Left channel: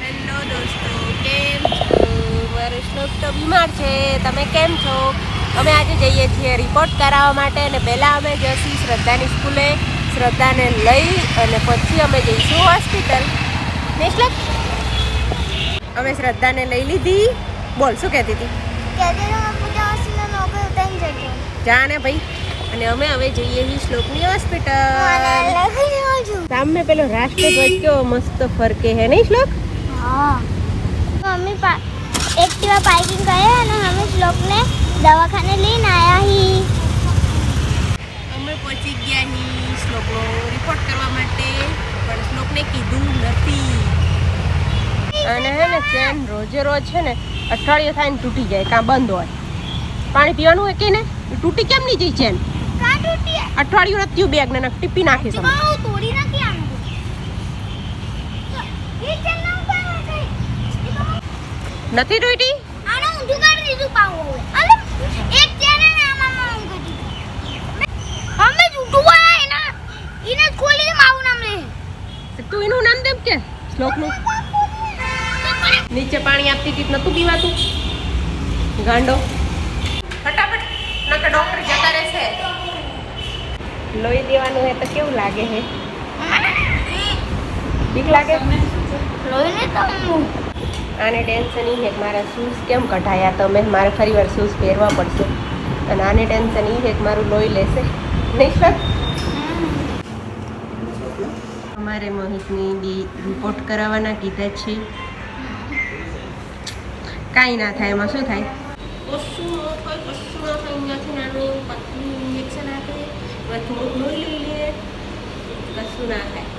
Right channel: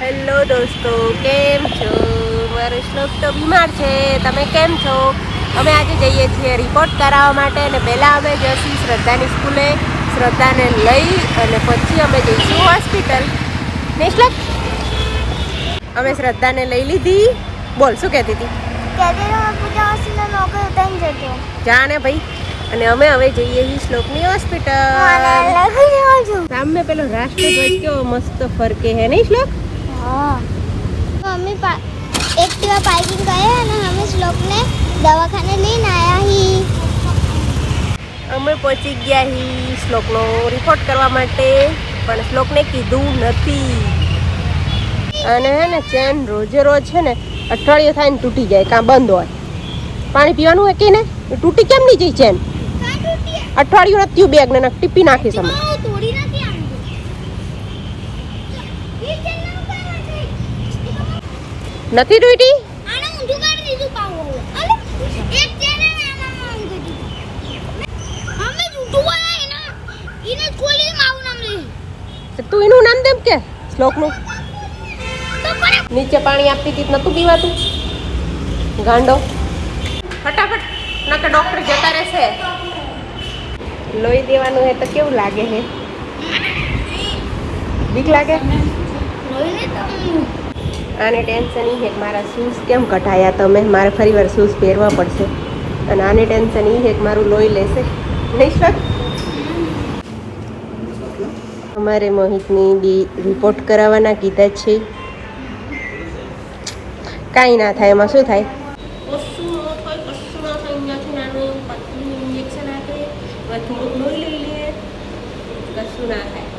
Hello દોસ્તો, કેમ છો? મારો શ્લોક તો બીમાર છે. તમે કેમ છો? અમે આજે જઈએ છીએ રિપોર્ટ કરાવવા માટે અને પહેલાં અમે જઈશું શ્રદ્ધાની સ્કૂલે. શ્રદ્ધાને લઈ અને પછી અમે જઈશું હોસ્પિટલ. ને શ્લોક, અમે શ્રદ્ધાને લઈ લીધી. બોલ, શું કહેતી હતી? જા ને ભાઈ. અને અમે હવે જઈએ છીએ શ્લોકની હોસ્પિટલ. સામે પેલો રાષ્ટ્રધ્વજ કેવો મસ્ત ફરકે હે નહીં શ્લોક? મમ્મી एक्टिवा पार्किंग गए અને અમે શ્લોકને દવાખાને લઈને આયા હી. અમે પહોંચી ગયા હી શ્લોકનો રિપોર્ટ કરવા માટે, પણ શ્લોકને કીધું નથી. અને હે ને ચેન રોજે રોજ છે ને અઠવાડિયું થાય ને તૂટી જાય, કાં બંધ હોય. પાણી પીવાનું હોય કે ને તૂટી કેમ નહીં જાય ચેન? અઠવાડિયું નથી થયું બેગ ને ટીપી નાખી છે. તોડી નાખી આમ નથી તૂટી. આનો ઊંધું કરી દીધું પાઉં. અરે એક ચેન ને આમાં ઊંધું દીધું. અમે જૂઠું બોલાય ના. ઇને ખોલીને મારું નામ લે. તું એનું નામ દેમ કે શ્લોકનું. નીચે પાણી આપતી હતી નતું પીવાતું ગાંડો. ફટાફટ નકર ડોક્ટર જતા રહેશે. લોહી દેવાનું હોય તો કેવું લાગે છે? બીક લાગે? લોહી ને તમ આને ટેન્શન એ છે મારા શૂઝ કેમ કઢાયા તમે, મારે ફરી વાર શૂઝ પહેરવા પડશે. અને આને ટેન્શન એ છે કે મારું લોહી લેશે. અમારે મોહિતની રિપોર્ટ કરાવવાના કીધા છે. કાંઈ ના થાય, એમાં શું થાય? કશું ન થાય. અહીંયાથી નાનું પતલું ઇન્જેક્શન આપે, થોડુંક લોહી લઈ લે, કશું ના થાય.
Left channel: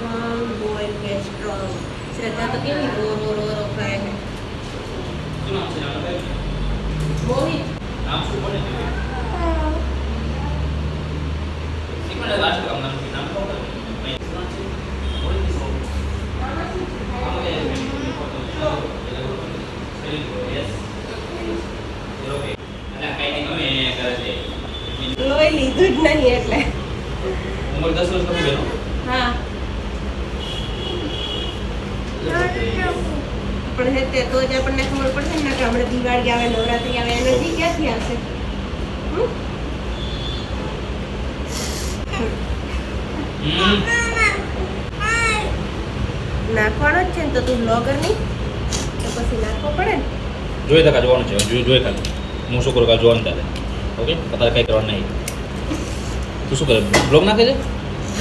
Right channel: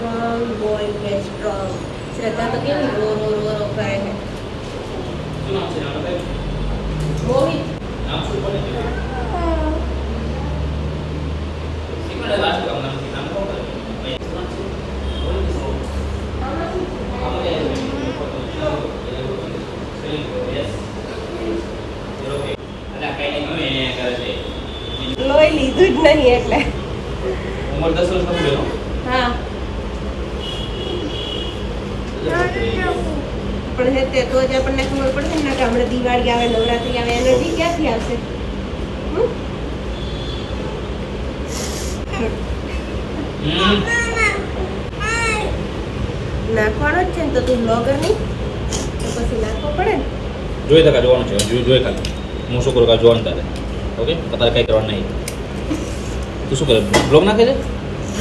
સ્ટ્રોંગ બોય કે સ્ટ્રોંગ. શ્રદ્ધા તો કેવી રો રો રો રો કરે છે. મોહિત લોહી લીધું જ નહીં એટલે. હા પણ હે તે તો જ આપણને ખબર પડશે ને કે હમણાં દિવાળી આવે, નવરાત્રી આવે, એનર્જી ક્યાંથી આવશે? નાખવાનો જ છે ને, તો તું બ્લોગર નહીં તો પછી નાખવો પડે ને. જોઈ તકા જોવાનું છે, જોઈ ખાલી હું શું કરું કા જોવાનું તારે. ઓકે, તારે કઈ કરવાનું નહીં. તું શું કરે, બ્લોગ નાખે છે?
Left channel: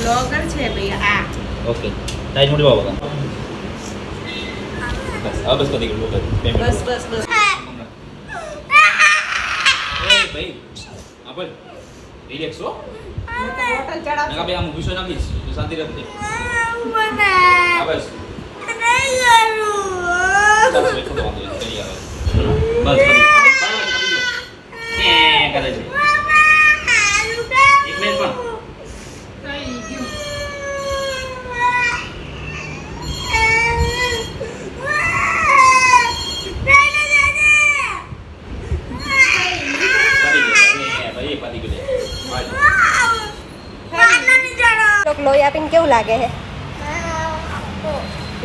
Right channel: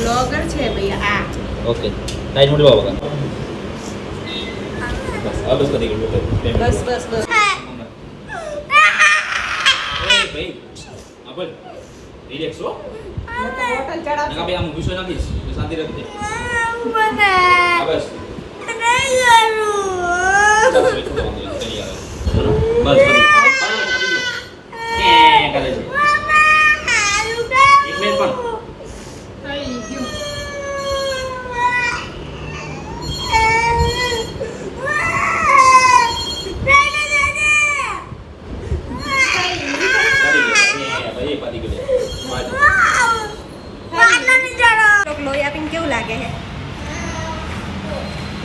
બ્લોગર છે ભૈયા આ. ઓકે, ટાઈમ મોટી બાબા બસ આ બસ કરી ગયું. બસ બસ બસ. ભાઈ હા બોલ, રિલેક્સ હો. બોટલ ચડાવ. ના બે આમ વિષય નાખીશ શાંતિ રાખજે. મને હા બસ બસ કરે છે. એક મિનિટ પણ લોહી આપીને કેવું લાગે છે?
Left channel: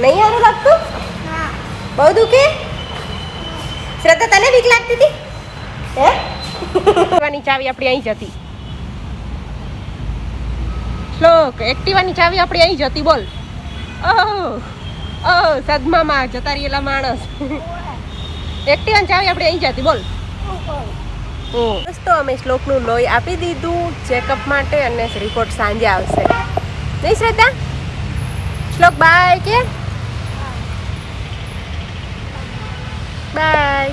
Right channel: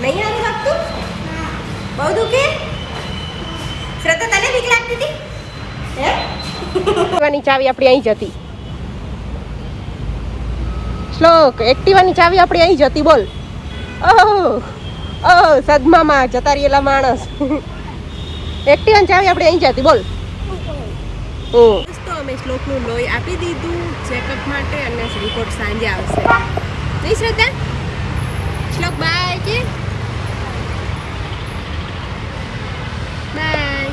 નહીં સારું લાગતું? બહુ દુખે? શ્રદ્ધા તને બીક લાગતી હતી? હે? એક્ટિવાની ચાવી આપણી અહીં જ હતી. શ્લોક, એક્ટિવાની ચાવી આપણી અહીં જ હતી. બોલ. ઓહ ઓહ, સદમામાં જતા રહેલા માણસ. એક્ટિવાની ચાવી આપણી અહીં જ હતી. બોલ. તો અમે શ્લોકનું લોહી આપી દીધું ચેકઅપ માટે અને રિપોર્ટ સાંજે આવશે. નહીં શ્રદ્ધા? શ્લોક બાય કે બાય.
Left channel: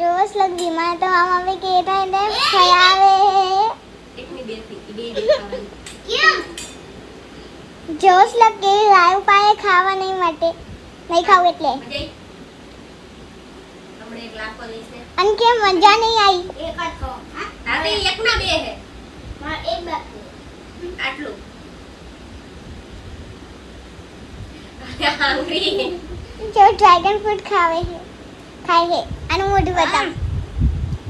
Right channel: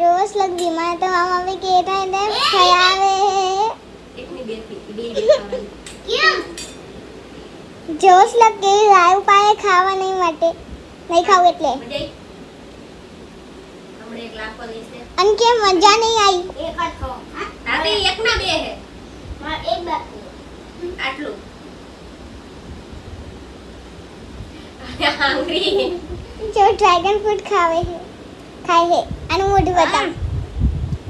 रोज लग बीमार तो हम अभी के था इधर खयावे એકની બે દેખાવાની. क्यों जोश लग के लाइव पाए खावा नहीं मटे नहीं खाऊ એટલે હમણે એક લાખો લેશે. અન કે મજા નહીં આવી એક જ ખાઓ તાતે એકના બે હે. માર એક બાકી આટલું. હંગ્રી. जो ड्रैगन फ्रूट खावे है खाए है આનું મોઢું બતા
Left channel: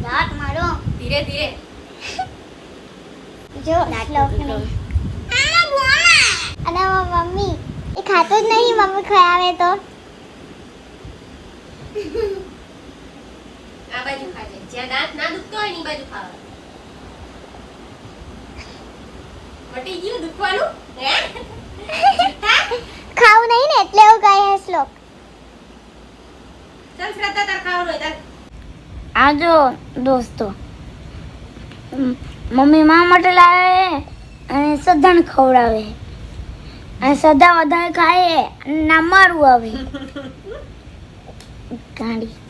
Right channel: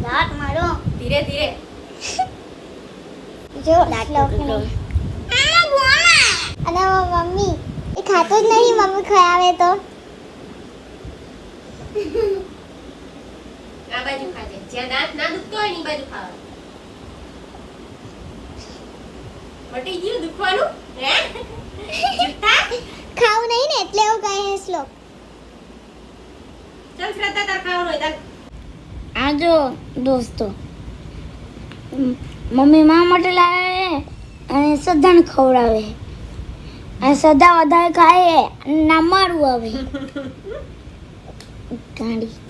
દાંત મારો ધીરે ધીરે. જો દાંત લો અને ખાતો જ નહીં મમ્મી ખરાવે તો આ બાજુ ખાજે જ્યાં દાંત ના દુખતો હોય ને એ બાજુ ખાવા મટી ગયું દુખવાનું હે ખાવું નહીં ને એટલે એવું કહે છે શ્લોક ચાલ શ્રદ્ધા તાર ખાવાનું હોય ચાલ આ જો દોસ્તો મમ્મી મા માટે લાવે અને સદાને ખવડાવે અને સદા વધારે ખાય અને ના મારું આવે ગાંડી